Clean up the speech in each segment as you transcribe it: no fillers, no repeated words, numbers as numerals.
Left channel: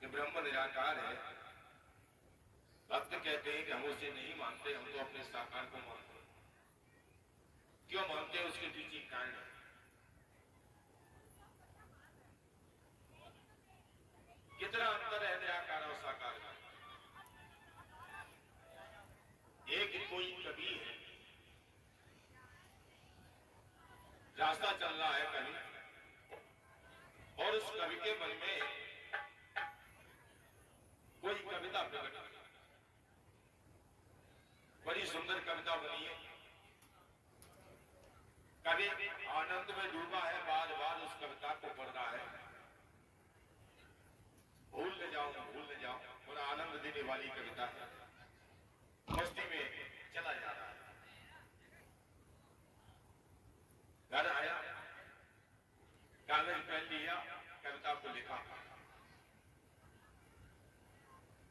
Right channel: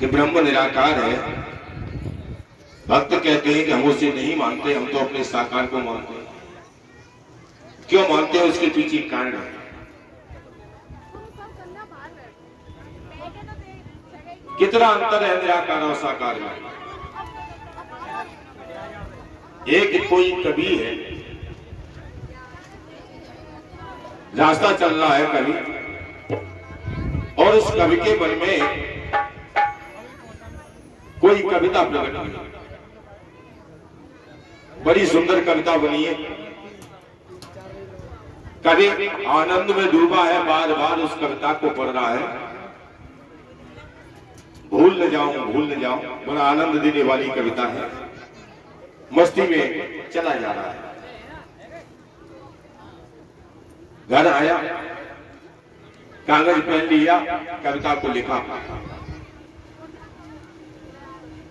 कि ब्रह्म निराकार है। भक्त कहते हैं कि हम उसे नहीं मानते, हम तो अपने साकार को मानते हैं। क्यों मानते हैं, उसके पीछे कारण है। कितना अंतर है निराकार और साकार में। एक कोई कवि है, रास्ता चल रहा है कवि, और उस कवि के मन में कोई कविता प्रकट हुई, बड़ी सुंदर कविता बनी है। कवि आनंद में डूबा है, बार बार उस कविता को पढ़ रहा है। भूल न जाऊं, बड़ा आनंद देने वाली कविता है। मस्ती में चला जा रहा है। घर आया, कागज पेन लिया, कविता को लिखा,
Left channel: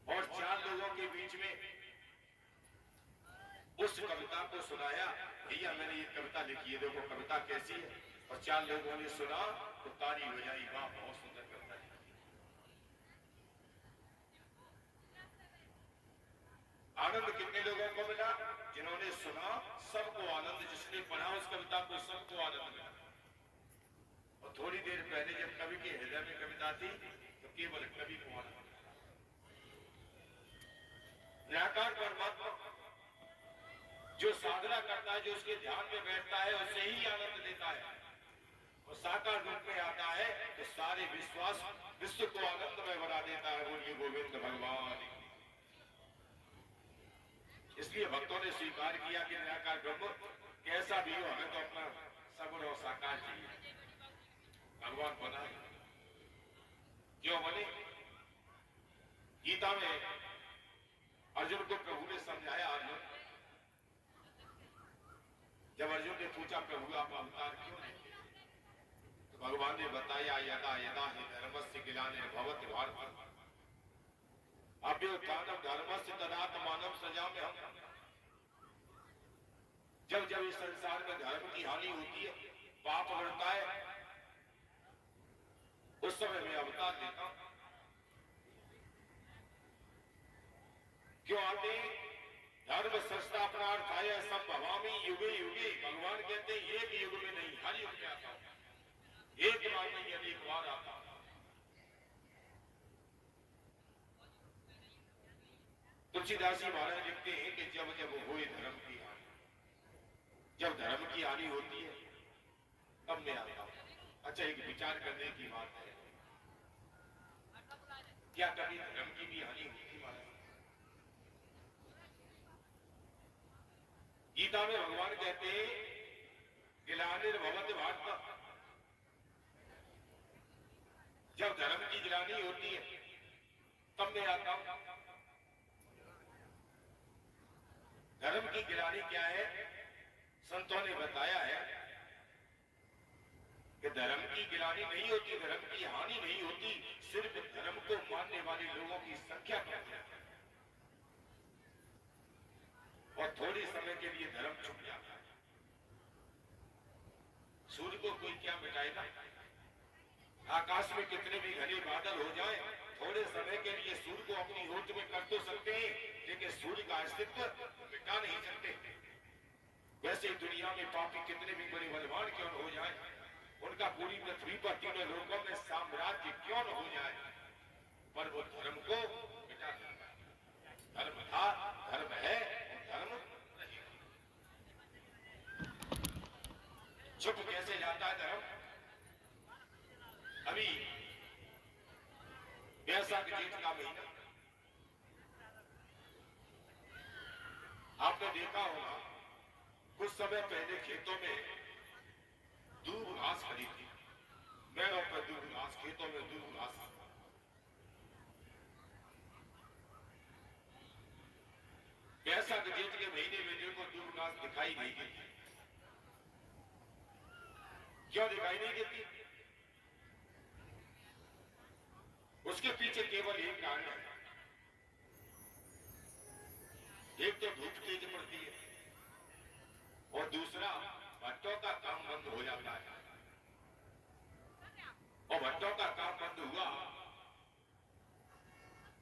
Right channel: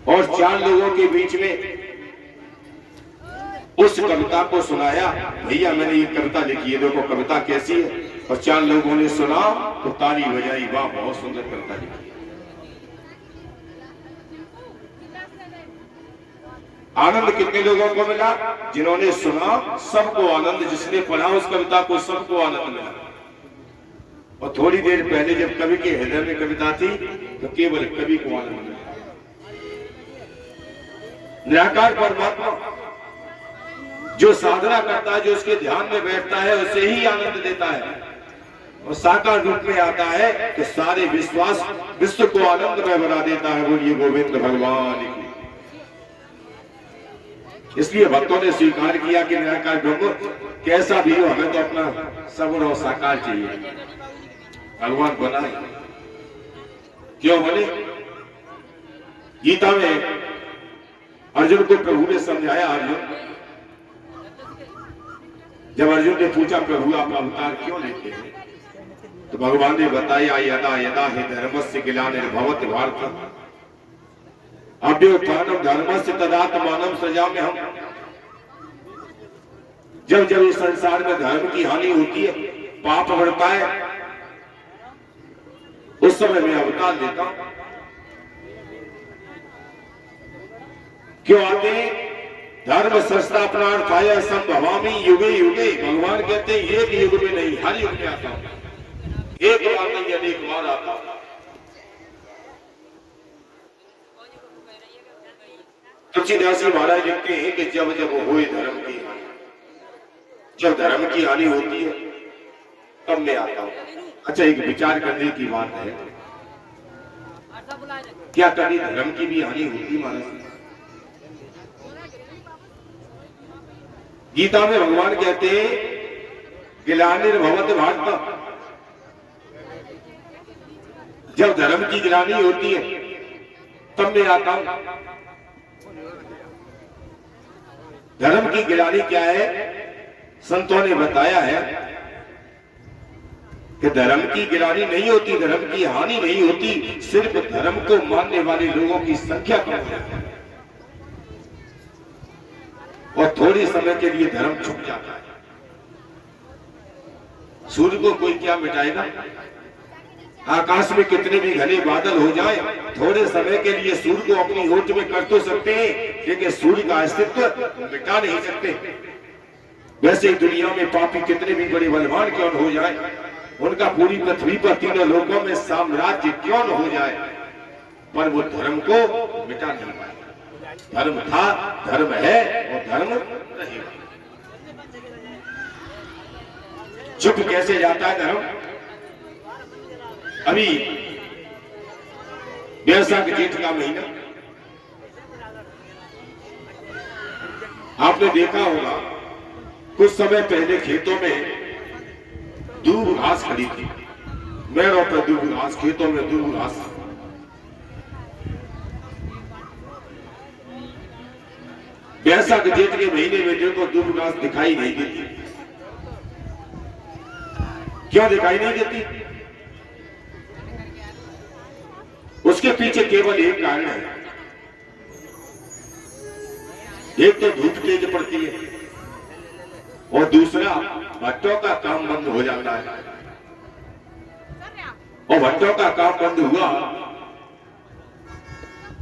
और 4 लोगों के बीच में उस कविता को सुनाया। भैया मैंने ये कविता लिखी है, देखो कविता कैसी है। और 4 लोगों ने सुना तो ताली बजाई, वाह बहुत सुंदर कविता लिखी। आनंद कितने लोगों को मिला? जिन्होंने सुना सबको आनंद, जिसने पढ़ा उस कविता को सबको आनंद मिला। और थोड़ी देर पहले जब कवि के हृदय में कविता थी तो केवल कवि को आनंद मिला। निराकार परमात्मा जो साधना करता है, जो उसके ध्यान में बैठता है, उसे ही आनंद देता है। और साकार रूप में आता है तो सारे विश्व को आनंद में बना देता है। बोलिए गोविंद भगवान की। इसलिए भक्तों ने स्वीकार किया कि निराकार ब्रह्म कैसा भी हो, हमें तो अपना सगुण और साकार चाहिए। भगवान बनाए क्यों बने? गीता में अर्जुन को प्रभु ने समझाया। अर्जुन, जब अर्जुन ने पूछा प्रभु आप अवतार क्यों लेते हैं, तो भगवान ने बताया यदा यदा हि धर्मस्य ग्लानिर्भवति भारत अभ्युत्थानं धर्मस्य तदात्मानं सृजाम्यहम्। जब जब इस संसार में धर्म की हानि होती है, पाप बढ़ता है, उस समय मैं अवतार लेता हूं। क्यों आते हैं? धर्म संस्थापनार्थाय संभवामि युगे युगे। भगवान कहते हैं एक युग में नहीं, हर युग में आता हूं। एक बार नहीं, अनेक बार आता हूं। तुलसीदास जी महाराज लिखते हैं कि जब जब होए धर्म की हानि, जब धर्म की हानि होती है तब मैं आता हूं। अच्छा, एक विचार करने की बात है, क्या कभी धर्म की भी हानि होती महाराज? गीता में भगवान कहते हैं ग्लानिर्भवति भारत, जब धर्म की ग्लानि होती है तब मैं आता हूं। धर्म की ग्लानि क्या है? संतों ने बताया है कि धर्म की गिरानी नहीं होती, धर्म की हानि नहीं होती, सिर्फ धर्म को मानने वाले लोगों की संख्या कम है और थोड़े समय के लिए धर्म छुप जाता है। सूर्य को कोई क्या मिटाएगा? आकाश में कितने भी घने बादल हो जाए, थोड़े समय के लिए सूर्य को अपनी होठ में कर तो सकते हैं, लेकिन सूर्य का अस्तित्व मिटा नहीं सकते। वैसे ही दुनिया में पापी कितने भी बड़े बलवान क्यों न हो जाए, उनका पूरी पृथ्वी पर तीनों लोगों में साम्राज्य क्यों न हो जाए, पर वो धर्म को मिटा नहीं पाए। धर्म था, धर्म है और धर्म रहेगा। चुप कैसे जाता है धर्म? अभी वैशाख जेठ का महीना, आपने देखा होगा कुछ समय पहले खेतों में दूब घास खड़ी थी। मेड़ों पर दूब घास, खेतों में दूब घास। वैशाख जेठ के महीने में देखो दूब घास दिखाई नहीं देती। क्यों दिखाई नहीं देती? उसके पीछे केवल एक कारण है। एक तो धूप तेज पड़ती है और दूसरा भट्टों का काम बंद हो जाता है। और भट्टों का काम बंद हुआ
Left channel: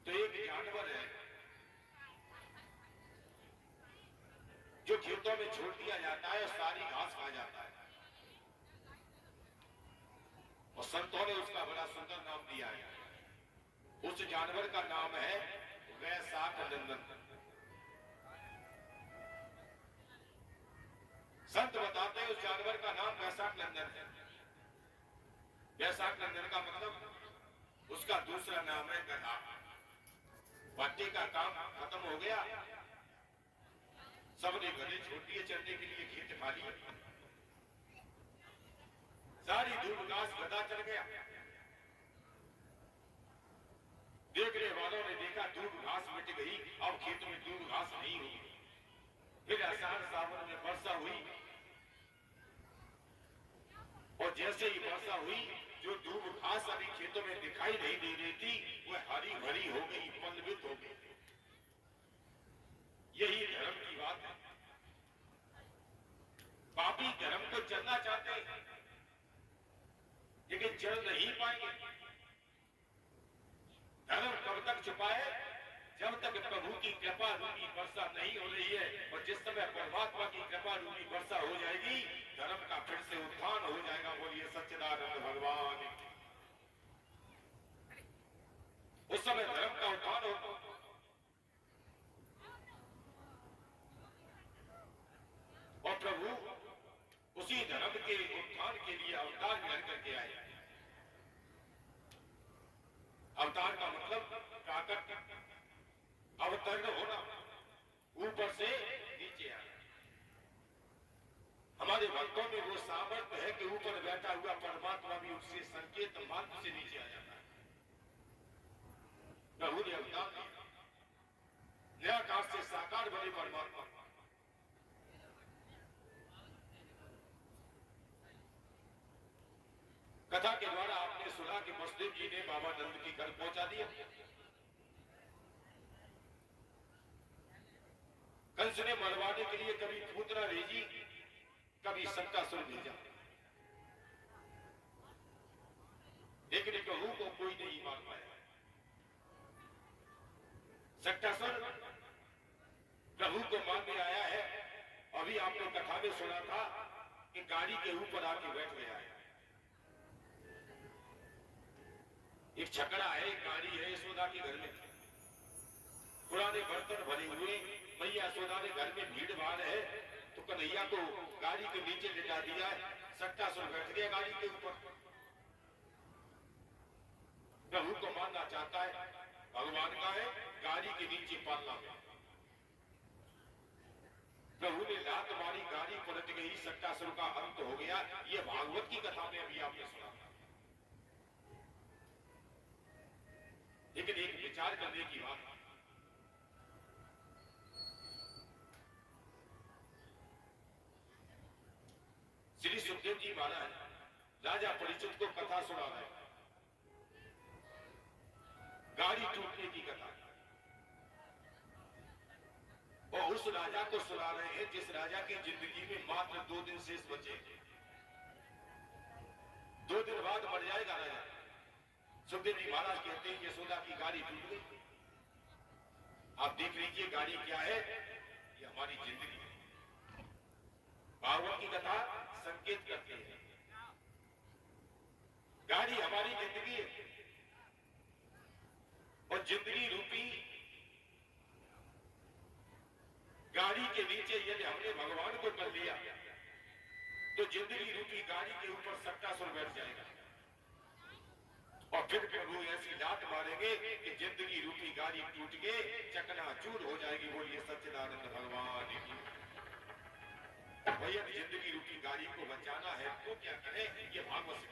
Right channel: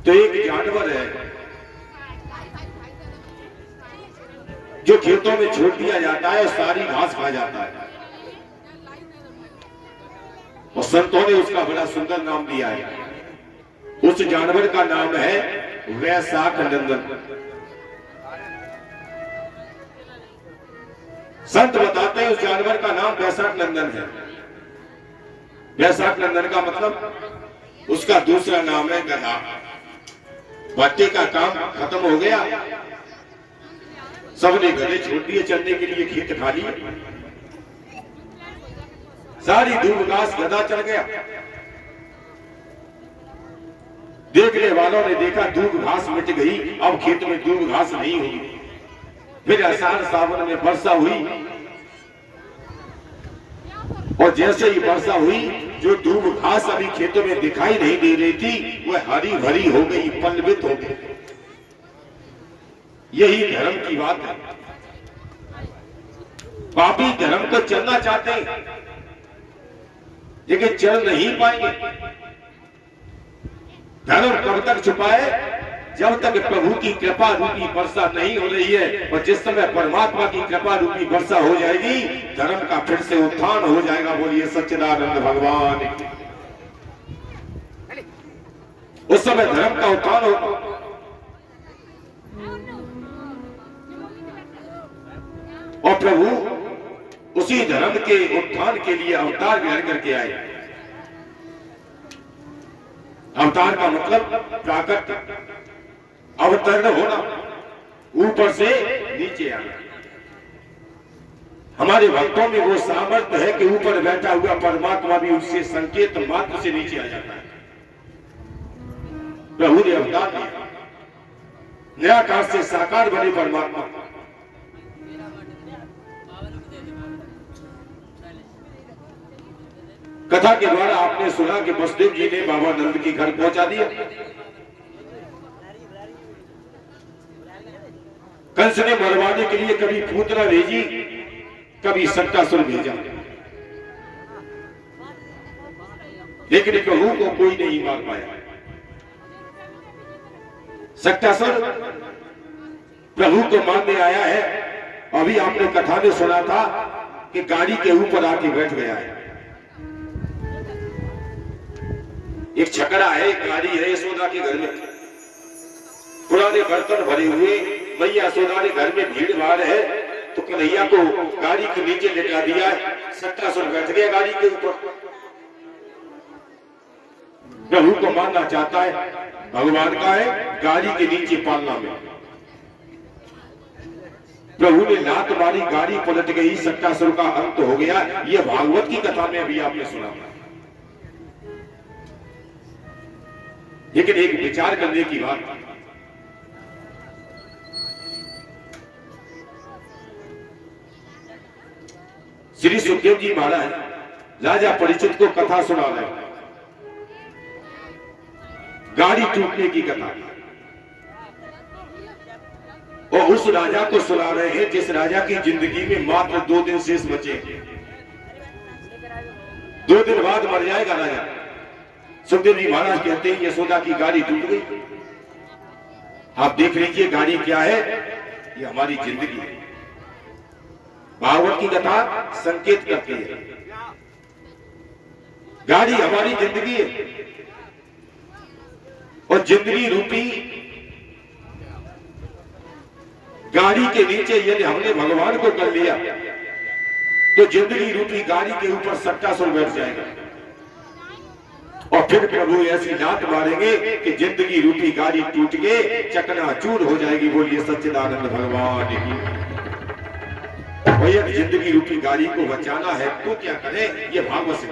तो एक जानवर है जो खेतों में छोड़ दिया जाता है और सारी घास खा जाता है, और संतों ने उसका बड़ा सुंदर नाम दिया है। उस जानवर का नाम है वैशाख नंदन। संत बताते हैं उस जानवर का नाम वैशाख नंदन है। वैशाख नंदन का मतलब उसका दूसरा नाम है गधा। भट्टे का काम खत्म हो गया, सबने गधे छोड़ दिए, चलने के लिए खेत खाली, सारी दूब घास गधा चढ़ गया। देखने वालों ने देखा दूब घास मिट गई, अब खेत में दूब घास नहीं होगी। फिर आषाढ़ सावन में वर्षा हुई, और जैसे ही वर्षा हुई, जो दूब घास अभी खेतों में दिखाई नहीं दे रही थी वह हरी भरी हो गई, पल्लवित हो गई। यही धर्म की बात है। पापी धर्म को चलना चाहते हैं लेकिन चल नहीं पाएंगे। धर्म कब तक छुपाए? जब तक प्रभु की कृपा रूपी वर्षा नहीं हो रही है। और जिस समय परमात्मा की कृपा रूपी वर्षा हो जाएगी, धर्म का फिर से उत्थान हो जाएगा। बोलिए सच्चिदानंद भगवान की। उस समय धर्म का उत्थान होगा। और प्रभु उसी धर्म के उत्थान के लिए अवतार ग्रहण करके आए। अवतार का मतलब प्राकट अवतरण होना, ऊपर से नीचे आना। हमारे भक्तों में वो सामर्थ्य है कि ऊपर बैठा हुआ परमात्मा भी उससे संकेत मात्र से नीचे आ जाता है। प्रभु ने अवतार दिया, निराकार से साकार बने परमात्मा। कथा के द्वारा आपने सुना कि वसुदेव जी ने बाबा नंद के घर पहुंचा दिया। कंस ने मरवाने के लिए कभी पूतना भेजी, कभी सट्टासुर भेजा, लेकिन प्रभु को कोई नहीं मार पाया। सट्टासुर प्रभु को मारने आया है। अभी आपने कथा में सुना था कि गाड़ी के ऊपर आके बैठ गया है। एक छकड़ा है, एक गाड़ी है यशोदा के घर में, पुराने बर्तन भरे हुए। मैया यशोदा ने घर में भीड़ भाड़ है तो कन्हैया को गाड़ी के नीचे लेटा दिया। सट्टासुर बैठ गया गाड़ी के ऊपर। प्रभु को मारना चाहता है, भगवान का है गाड़ी के नीचे पालना में। प्रभु ने लात मारी, गाड़ी पलट गई, सट्टासुर का अंत हो गया। यह भागवत की कथा में अभी आपने सुना। लेकिन एक विचार करने की बात, श्री सुखदेव जी महाराज राजा परीक्षित को कथा सुना रहे, गाड़ी टूटने की कथा, और उस राजा को सुना रहे हैं जिस राजा की जिंदगी में मात्र 2 दिन शेष बचे। 2 दिन बाद मर जाएगा राजा। सुखदेव जी महाराज कहते हैं यशोदा की गाड़ी टूट गई। आप देख लीजिए गाड़ी क्या है, ये हमारी जिंदगी है। भागवत की कथा संकेत करती है, गाड़ी हमारी जिंदगी है। और जिंदगी रूपी गाड़ी के नीचे यदि हमने भगवान को कर लिया तो जिंदगी रूपी गाड़ी के ऊपर सट्टासुर बैठ जाएगा। और फिर प्रभु ऐसी लात मारेंगे कि जिंदगी रूपी गाड़ी टूट के चकनाचूर हो जाएगी। बोलिए सच्चिदानंद भगवान की। भैया जिंदगी रूपी गाड़ी को बचाना है तो क्या करें? ये भागवत से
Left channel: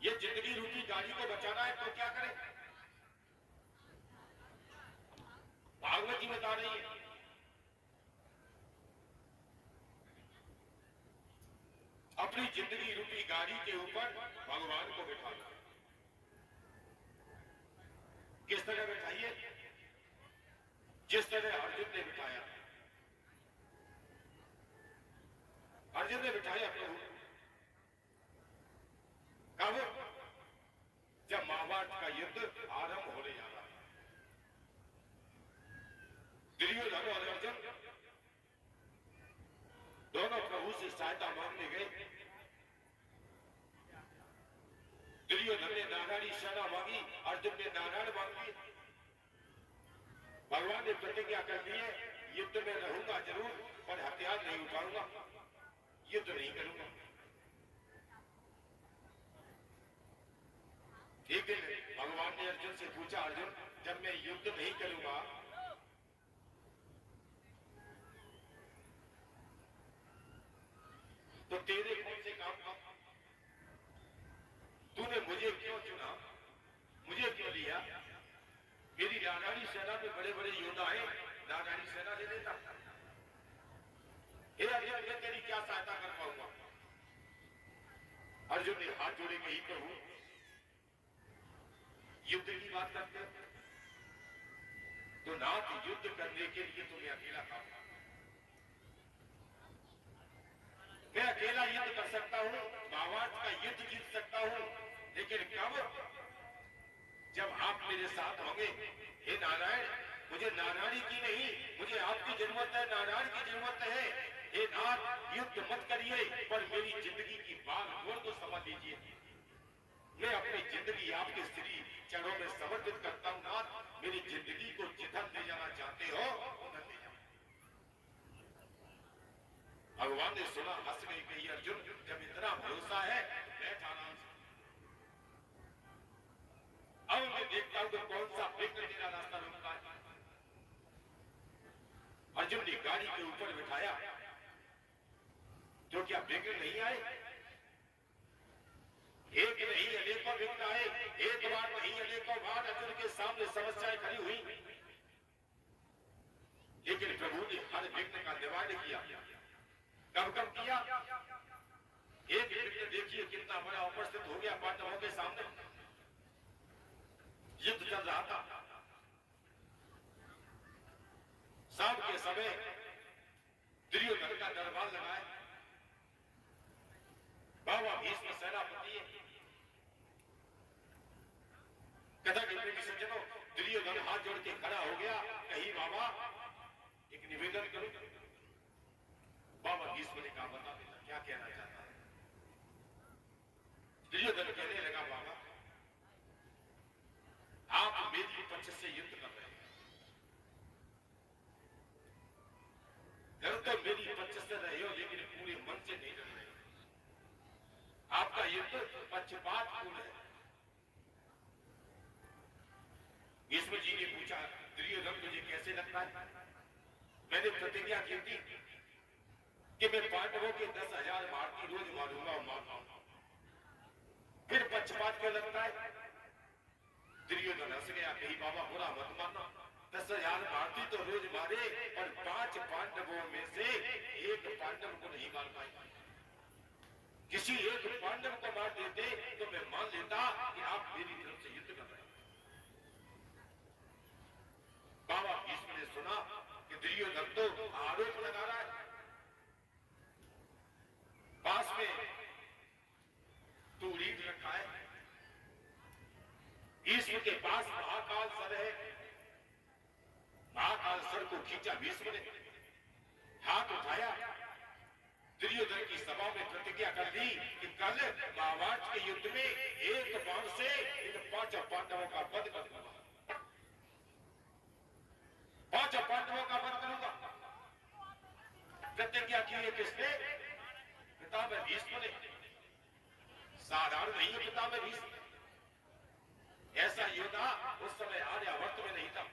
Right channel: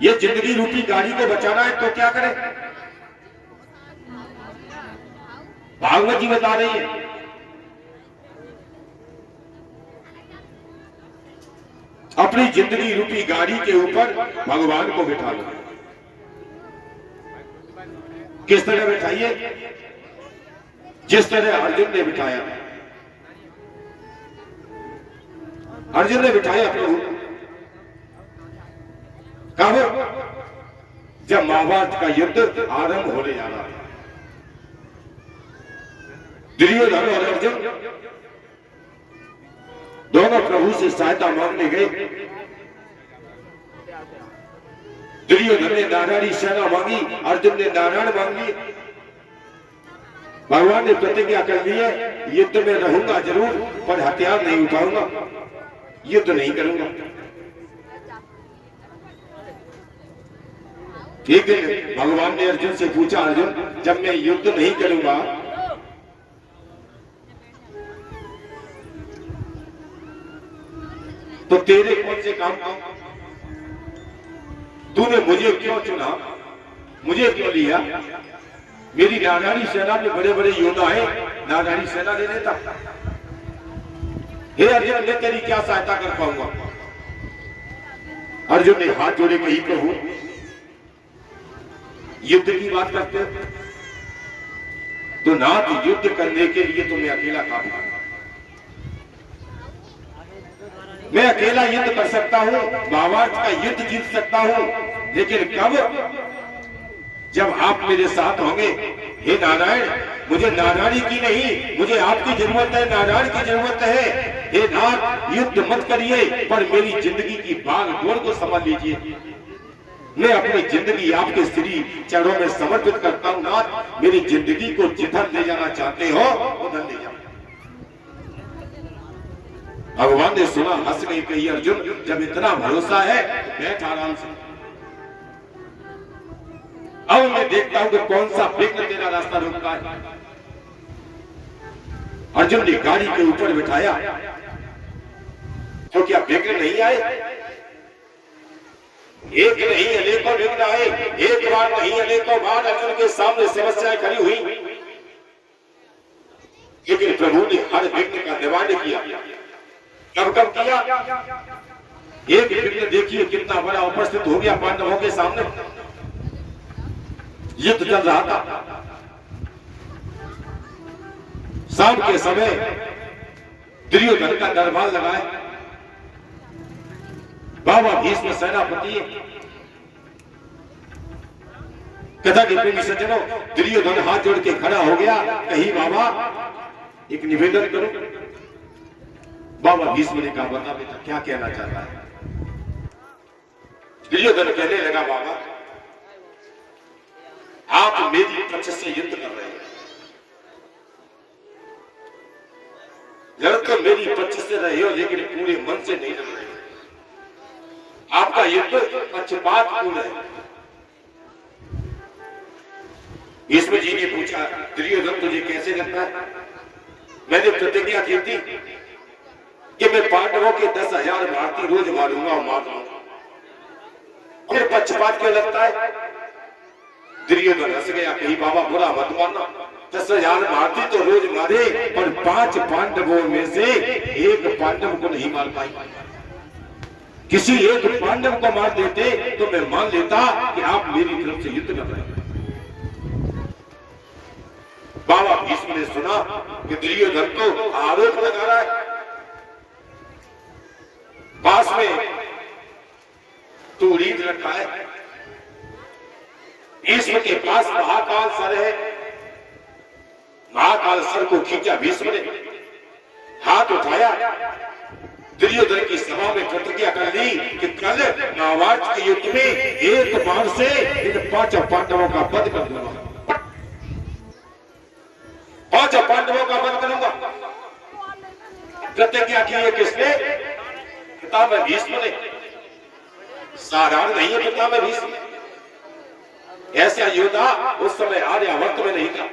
ये जिंदगी रूपी गाड़ी को बचाना है तो क्या करें? भागवत जी बता रही है। अपनी जिंदगी रूपी गाड़ी के ऊपर भगवान को बिठा लो। किस तरह बिठाइए? जिस तरह अर्जुन ने बिठाया। अर्जुन ने बिठाया प्रभु, कब? जब महाभारत का युद्ध आरंभ होने जा रहा था। दुर्योधन और अर्जुन दोनों प्रभु से सहायता मांगने गए। दुर्योधन ने नारायणी सेना मांगी, अर्जुन ने नारायण मांग ली। भगवान ने प्रतिज्ञा कर ली है, युद्ध में रहूंगा जरूर, पर हथियार नहीं उठाऊंगा, युद्ध नहीं करूंगा। एक दिन भगवान ने अर्जुन से पूछा, अर्जुन जब मैं युद्ध नहीं करूंगा तो तेरे कौन से काम का? तूने मुझे क्यों चुना, मुझे क्यों लिया? मेरी नारायणी सेना में बड़े बड़े योद्धा है, नारायणी सेना ले लेता। हे अर्जुन, मैं तेरी क्या सहायता कर पाऊंगा? अर्जुन ने हाथ जोड़े कही, प्रभु युद्ध की बात करते हो तो नाथ, युद्ध करने के लिए तुम्हें अकेला काफी। मैं अकेला युद्ध कर सकता हूं, महाभारत का युद्ध जीत सकता हूं, लेकिन कब? जब आप मेरे साथ होंगे। हे नारायण, मुझे नारायणी की नहीं, मुझे आपकी जरूरत है, नारायण की जरूरत है। हे नाथ, युद्ध मत करिए, पर मेरी जिंदगी की भाग दौड़ को समझ लीजिए। मैं अपनी जिंदगी आपके श्री चरणों में समर्पित करता हूं। नाथ, मेरी जिंदगी को जिधर ले जाना चाहते हो उधर ले जाओ। भगवान ने सुना, हंस गई, कही, अर्जुन जब इतना भरोसा है बैठ आराम से, अब मैं देखता हूं कि कौन सा विघ्न तेरा रास्ता रोकता है। अर्जुन ने गाड़ी के ऊपर बिठाया, तो क्या विघ्न नहीं आए? एक नहीं अनेकों विघ्न आए, एक बार नहीं अनेकों बार अर्जुन के सामने समस्याएं खड़ी हुई, लेकिन प्रभु ने हर विघ्न का निवारण किया। कब कब किया? एक विघ्न देखिए कितना बड़ा उपस्थित हो गया पांडवों के सामने। युद्ध चल रहा था, शाम के समय दुर्योधन का दरबार लगाए। बाबा भीष्म सेनापति, कथा के प्रेमी सज्जनों, दुर्योधन हाथ जोड़ के खड़ा हो गया, कही बाबा एक निवेदन करो। बाबा भीष्म ने कहा, बता बेटा क्या कहना चाहता है? दुर्योधन कहने लगा, बाबा आप मेरी पक्ष से युद्ध कर रहे हैं, लड़ तो मेरी पक्ष से रहे हो, लेकिन पूरे मन से नहीं लड़ रहे। आपका युद्ध पक्षपातपूर्ण है। भीष्म जी ने पूछा, दुर्योधन तुझे कैसे लगता है? मैंने प्रतिज्ञा की थी कि मैं पांडवों के 10,000 भारतीय रोज मारूंगा और मार दूंगा, फिर पक्षपात क्यों लगता है? दुर्योधन हंस गया, कही बाबा बुरा मत मानना, 10,000 भारतीय तो रोज मारे, पर 5 पांडवों में से एक पांडव को नहीं मार पाई। किसी एक पांडव को मार देते तो मैं मान लेता कि आप मेरी तरफ से युद्ध कर रहे हैं। बाबा भीष्म ने सुना कि दुर्योधन तो आरोप लगा रहा है, पास में तूरीद रखा है, भीष्म के पास महाकाल सर है। महाकाल सर को खींचा भीष्म ने, हाथ उठाया, दुर्योधन की सभा में प्रतिज्ञा कर ली कि कल महाभारत के युद्ध में एक बार से इन 5 पांडवों का वध कर दूंगा, 5 पांडवों का वध करूंगा। प्रतिज्ञा की है किसने? पितामह भीष्म ने। साधारण नहीं है पितामह भीष्म, ऐसा योद्धा उस समय आर्यावर्त में नहीं था।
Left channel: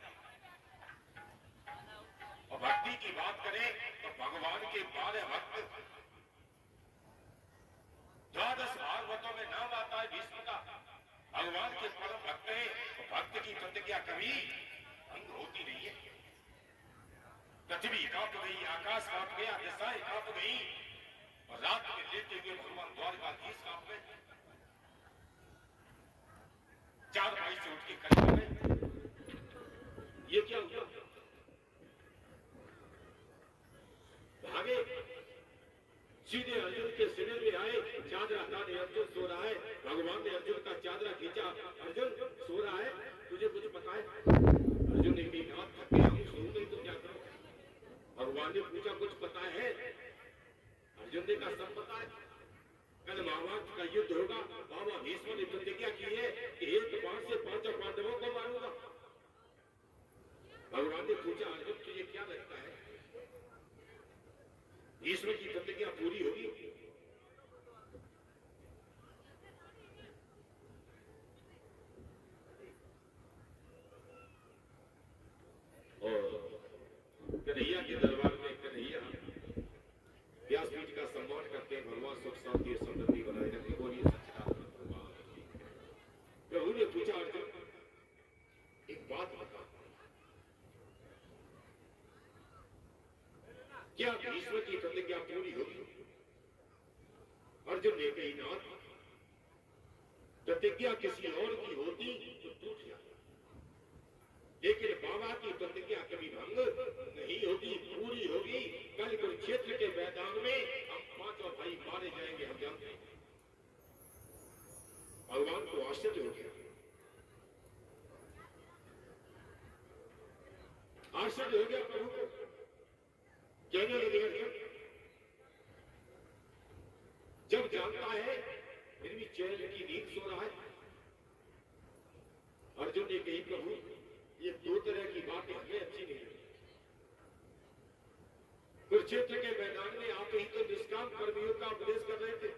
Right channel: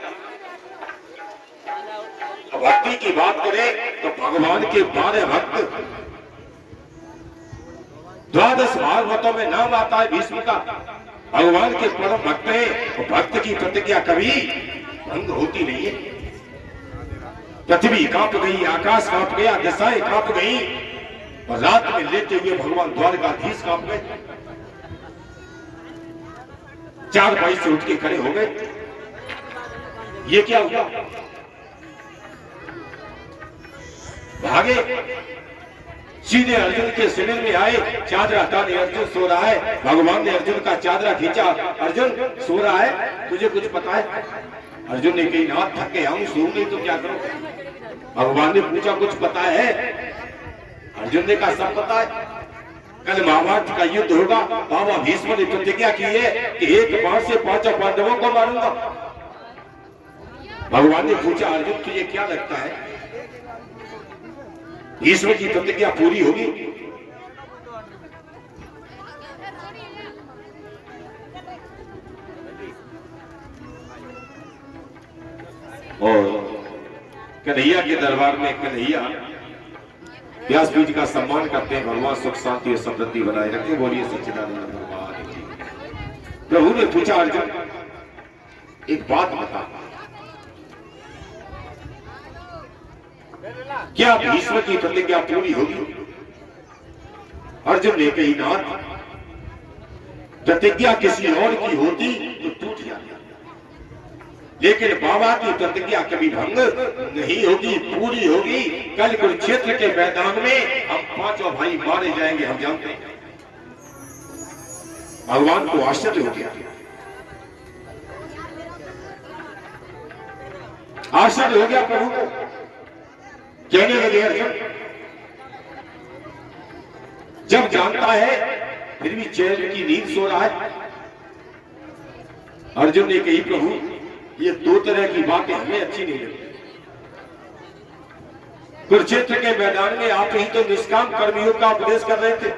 भक्ति की बात करें तो भगवान के 12 भक्त, 12 भागवतों में नाम आता है भीष्म का। भगवान के परम भक्त हैं, और भक्त की प्रतिज्ञा कभी भंग होती नहीं है। पृथ्वी कांप गई, आकाश कांप गया, दिशाएं कांप गई, और रात में लेते हुए भगवान द्वारकाधीश कांप गए। 4 भाई से उठ के खड़े हो गए। ये क्या हुआ? भागे। सीधे अर्जुन के शिविर में आए, चादरा ताने अर्जुन सो रहा है। भगवान ने अर्जुन का चादरा खींचा, अर्जुन सो रहा है, तुझे कुछ पता है? अर्जुन ने कही ना, थक गया हूं, सो नहीं तो क्या करूं? भगवान ने पूछा कुछ पता है? अर्जुन ने कहा सब पता है, कल महाभारत का युद्ध होगा, बाबा भीष्म ने प्रतिज्ञा की है कि एक बाण से 5 पांडवों को मारूंगा। भगवान ने पूछा अर्जुन तुझे क्या लगता है भीष्म की प्रतिज्ञा पूरी होगी? और कन्हैया के दरबार में कन्हैया व्यासपीठ का सम्मान करते हैं। भगवान सुख शांति और समृद्धि बनाए रखे, बोलिए सच्चिदानंद भगवान की। प्रभु ने पूछा अर्जुन एक बात बता, क्या भीष्म की प्रतिज्ञा पूरी होगी? अर्जुन ने कही नाथ, प्रतिज्ञा किसी और की होती तो टूट जाती, लेकिन बाबा की प्रतिज्ञा कभी भंग नहीं होगी, पूरी होगी। कल कुरुक्षेत्र के मैदान में हम 5 भाई मारे जाएंगे, हम जानते हैं। भगवान को आश्चर्य हो गया, आश्चर्य हो गया प्रभु को। कहने लगे अर्जुन जब जानता है फिर भी चैन की नींद सो रहा है। अर्जुन ने कही प्रभु ये 2 तरह की बातें हमें अच्छी नहीं लगती। कुरुक्षेत्र के मैदान में आप ही तो निष्काम कर्मियों का उपदेश कर रहे थे,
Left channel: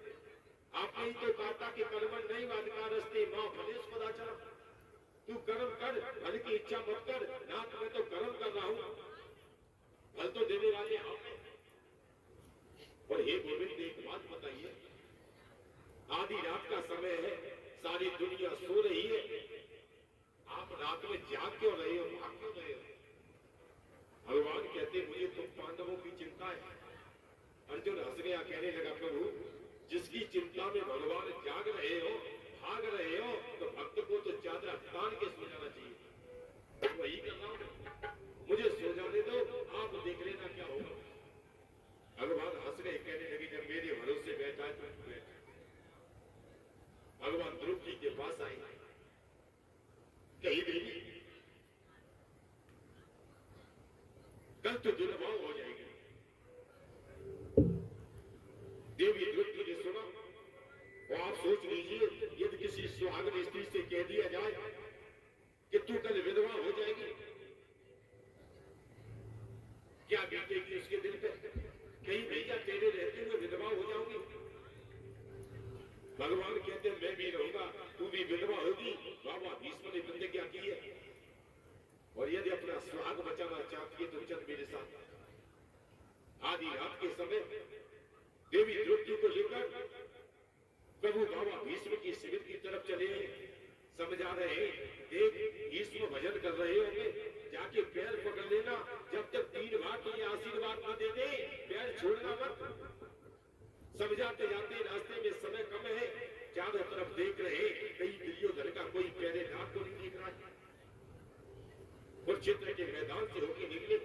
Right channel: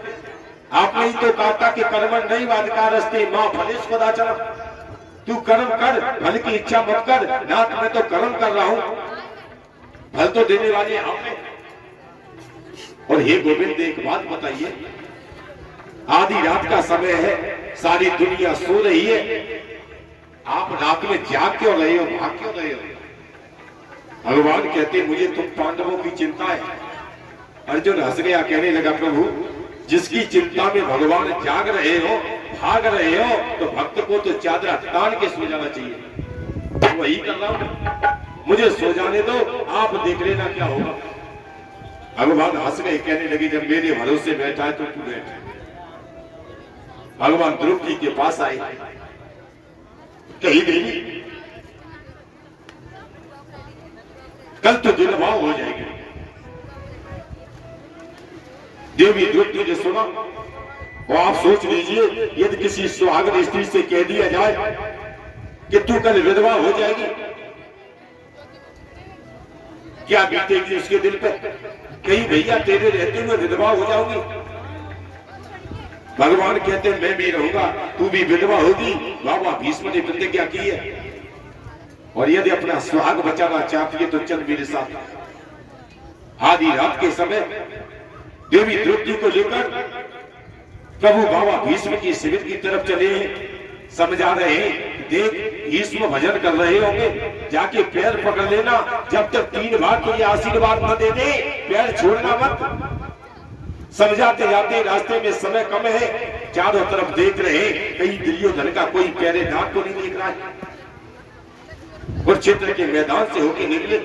आपने ही तो कहा था कि कर्मण नहीं वादकारस्ते मां फलेश कदाचन, तू कर्म कर, फल की इच्छा मत कर। नाथ मैं तो कर्म कर रहा हूं, फल तो देने वाले आपने। और हे गोविंद एक बात बताइए, आधी रात का समय है, सारी दुनिया सो रही है, आप रात में जाग क्यों रहे हो, भाग क्यों रहे हो? भगवान कहते मुझे तुम पांडवों की चिंता है। अर्जुन हंस गया, कहने लगा प्रभु जिसकी चिंता में भगवान जाग रहे हो, भाग रहे हो, तो भक्त को तो चादरा तान के सो जाना चाहिए। वही कर रहा हूं, मुझे सो जाने दो, आप देख लेना क्या होगा। भगवान हंस गए, कहने लगे जब मेरे भरोसे बैठा है तो तू बैठ। भगवान द्रौपदी के पास आए, कही देवी कल तो विधवा हो जाएगी। देवी द्रौपदी ने सुना, और आप सोच लीजिए यदि किसी सुहागन स्त्री से कह दिया जाए कि तू कल विधवा हो जाएगी, क्या बीतेगी उसके दिल पे? कहीं भैया तेरे रहते हुए विधवा हो जाओगी। भगवान कहते मैं भी रहूंगा, तू भी विधवा होगी। बाबा भीष्म ने प्रतिज्ञा की है, और यदि अपना सुहाग बचाना चाहती है तो चल मेरे साथ। आधी रात के समय देवी द्रौपदी को लेकर प्रभु बाबा भीष्म की शिविर की तरफ चले, समझा रहे हैं देख भीष्म भजन कर रहे होंगे, जाके पैर पकड़ लेना, जब तक 3 बार तुझे आशीर्वाद न दे दे पैर छोड़ना मत। समझाते जाते रास्ते में समय कम है, चारों तरफ देख रहे कहीं दुर्योधन का कोई प्यारे दांत तो नहीं दिख रहा है। कुरुक्षेत्र के मैदान से होके निकले,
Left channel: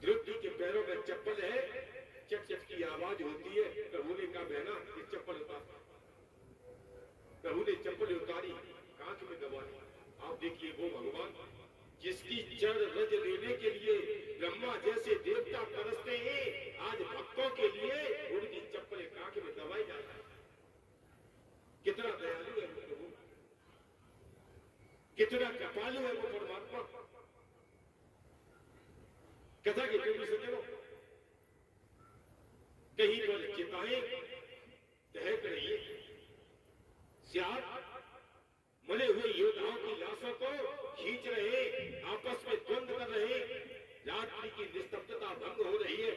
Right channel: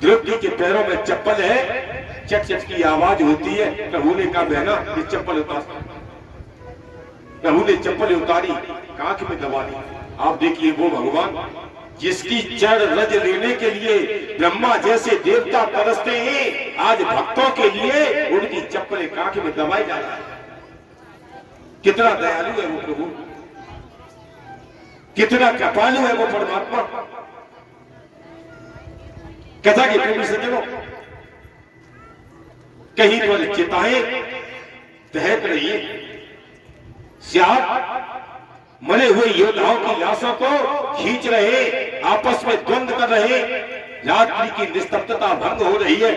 द्रौपदी के पैरों में चप्पल है, चट चट की आवाज होती है। प्रभु ने कहा बहना ये चप्पल उतार। प्रभु ने चप्पल उतारी, कांख में दबा दी। आप देखिए वो भगवान जिसकी चरण रज लेने के लिए ब्रह्मा जैसे देवता तरसते हैं, आज भक्तों के लिए उनकी चप्पल कांख में दबाई जा रहा है। कितना दयालु है वो प्रभु, कितना कृपालु है वो परमात्मा। कथा के प्रेमी सज्जनों, कहीं पर चिताएं दहक रही है, श्याम मरे हुए योद्धाओं की लाशों को खींच रहे, आपस में द्वंद्व कर रहे, रात्रि की निस्तब्धता भंग हो रही है।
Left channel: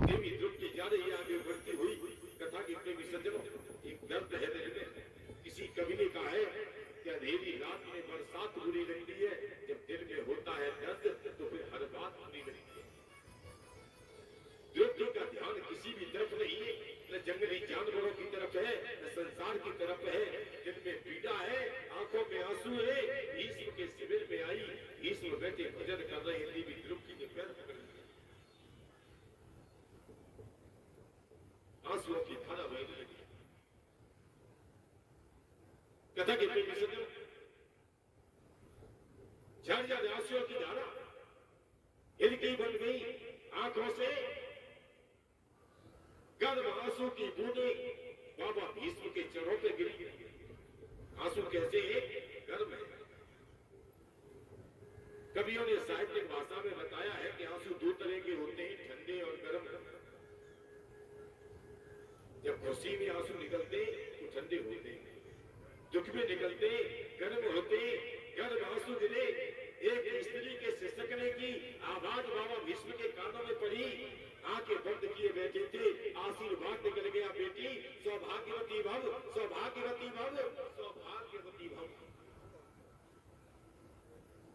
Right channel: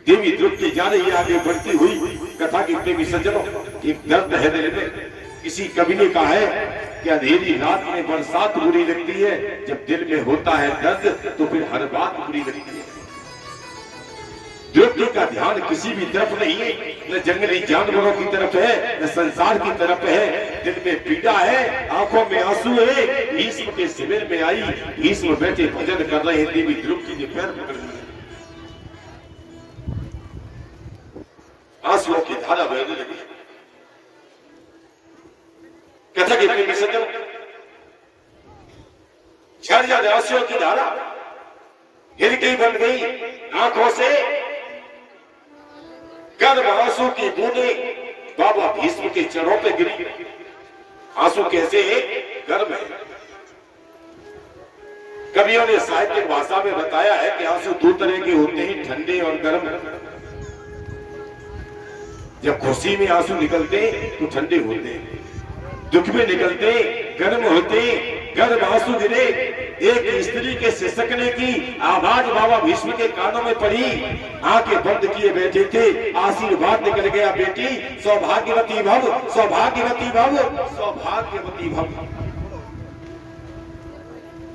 देवी द्रौपदी जा रही है आगे बढ़ती हुई। कथा के प्रेमी सज्जनों, एक दर्द है दिल में। किसी कवि ने कहा है कि अंधेरी रात में बरसात बुरी लगती है, जब दिल में होता है दर्द तो फिर हर बात बुरी लगती है। द्रौपदी का ध्यान किसी भी तरफ नहीं है, न जंगली जानवरों की तरफ है, न संसार की तरफ है। दिल में पीड़ा है, आंखों में आंसू है। भीष्म के शिविर में आई, भीष्म बैठे भजन कर रहे हैं, देवी द्रौपदी ने पैर पकड़ लिए। लगी। कथा के प्रेमी सज्जन, झरझर आंसुओं की धारा हिलकी बन गई आंखों से, गर्म आंसू की बूंदें बाबा भीष्म के चरणों पे गिरी। आंसू कैसे गर्म है। कवियों ने साहित्यिक भाषा में बताया है कि आंसू दो तरह के होते हैं, ठंडे और गर्म। जब खुशी में आंसू निकलते तो ठंडे होते हैं, दुख में निकलते गर्म होते। गर्म आंसू गिरे। एक स्त्री के सिसकने की आवाज बाबा भीष्म के कानों में पड़ी। आंखें बंद किए बैठे थे। आशीर्वाद निकल गया, बेटी सौभाग्यवती भव, सौभाग्यवती भव, सौभाग्यवती भव।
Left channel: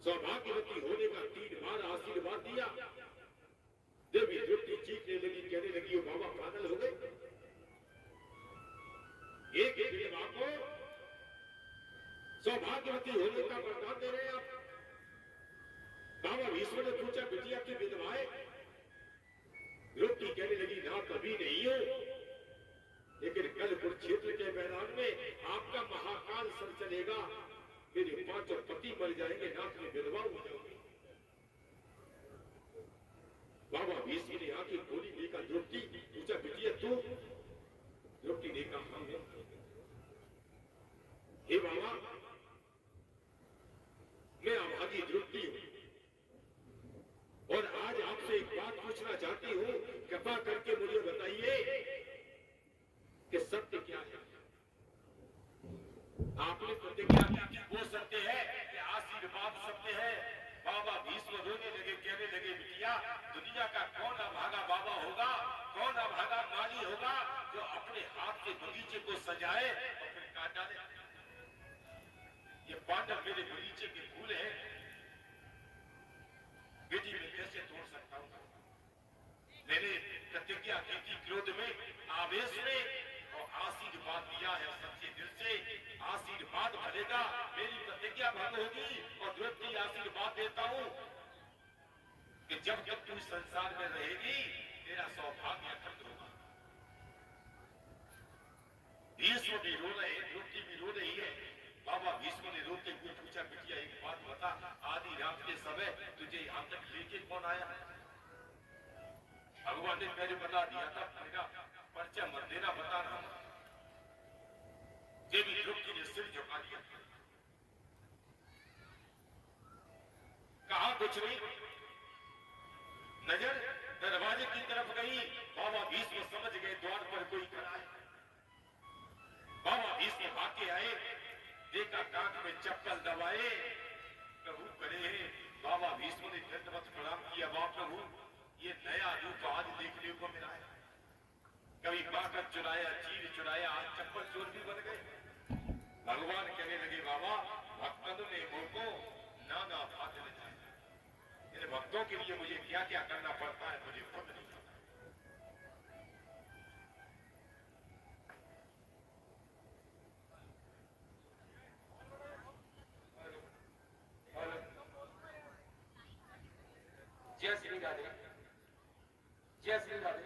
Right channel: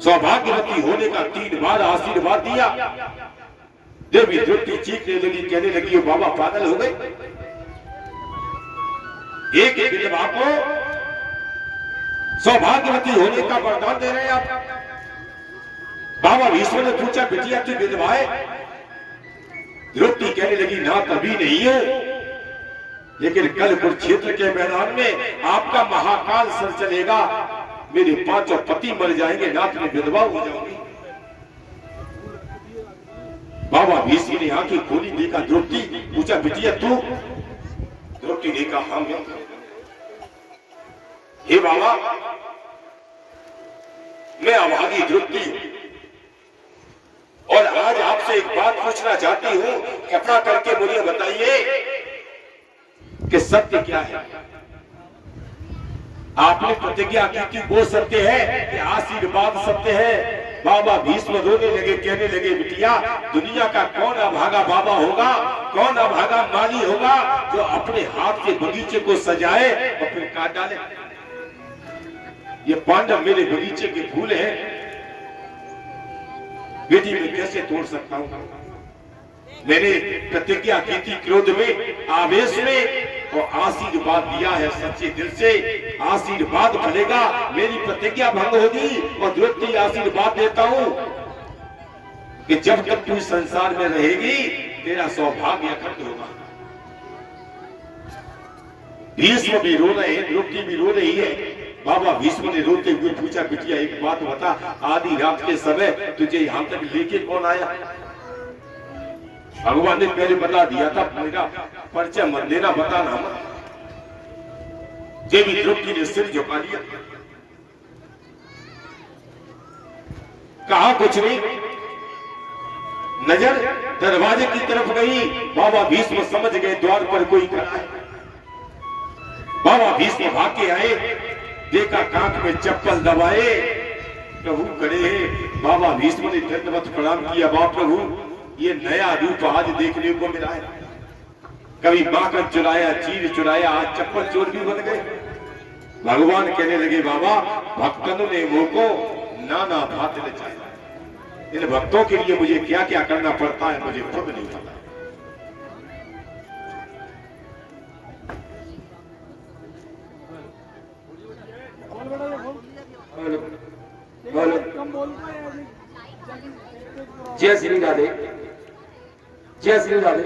सौभाग्यवती होने का 3 बार आशीर्वाद दिया। देवी द्रौपदी चीखने लगी, कहने लगी बाबा पागल हो गए। एक विधवा को सौभाग्यवती होने का वरदान दे रहे हैं आप। बाबा भीष्म ने पूछा, बिटिया तू विधवा है? द्रौपदी कहने लगी, ना कभी नहीं है, लेकिन कल कुरुक्षेत्र के मैदान में आपका महाकाल सर चलेगा, मेरे 5 पति मर जाएंगे, नाथ में विधवा हो जाऊंगी। बाबा भीष्म ने आंखें खोली, देखा द्रौपदी। पूछा, बिटिया तू? द्रौपदी ने कहा, हाँ मैं। हे बाबा, मैं अभागी द्रौपदी और आज आपसे एक बात पूछना चाहती हूं। कृपा करके मुझे बताइए कि सत्य क्या है। आपने प्रतिज्ञा की थी, वो सत्य है कि आशीर्वाद सत्य है? बाबा भीष्म रोने लगे, कहने लगे, बिटिया दुनिया का कौन अभागा बाबा होगा, कौन अभागा माली होगा जो अपने हाथ से बगीचे को सजाए और फिर काट डाले। ये पांडव मेरे बगीचे के फूल हैं, बेटी मैं कैसे तोड़ सकता हूं? मैंने प्रतिज्ञा की थी क्रोध में, आवेश में, और आशीर्वाद दिया है सच्चे दिल से। आशीर्वाद फलेगा, मेरी प्रतिज्ञा भंग होगी। और द्रौपदी आशीर्वाद देता हूं कि जब तक तू संसार में रहेगी तेरा सौभाग्य अखंड होगा। भीष्म भी रो रहे हैं, द्रौपदी भी रो रही है। बाबा भीष्म ने रोते हुए पूछा, बिटिया एक बात बता, आधी रात के समय तुझे यहां तक लेके कौन आया? भगवान ने पहले बता दिया था, मेरा परिचय मत देना, बताना मत। देवी द्रौपदी ने सिर झुका लिया, कहा कुछ नहीं। नजर दरवाजे की तरफ गई। बाबा भीष्म समझ गए द्वार पर कोई खड़ा है। बाबा भीष्म भाग के आए, देखा कांख में चप्पल दबाए प्रभु खड़े हैं। बाबा भीष्म ने दंडवत प्रणाम किया, बाप प्रभु ये नया रूप आज देखने को मिला है। कभी बाकर चुराया, चीर चुराया, आज चप्पल चोर भी बन गए। भगवान कहने लगे, बाबा भक्तों ने वो को नाना भात नचाया। इन भक्तों के लिए मुझे क्या क्या करना पड़ता है मुझे खुद नहीं पता। जय श्री राधे, जय श्री राधे।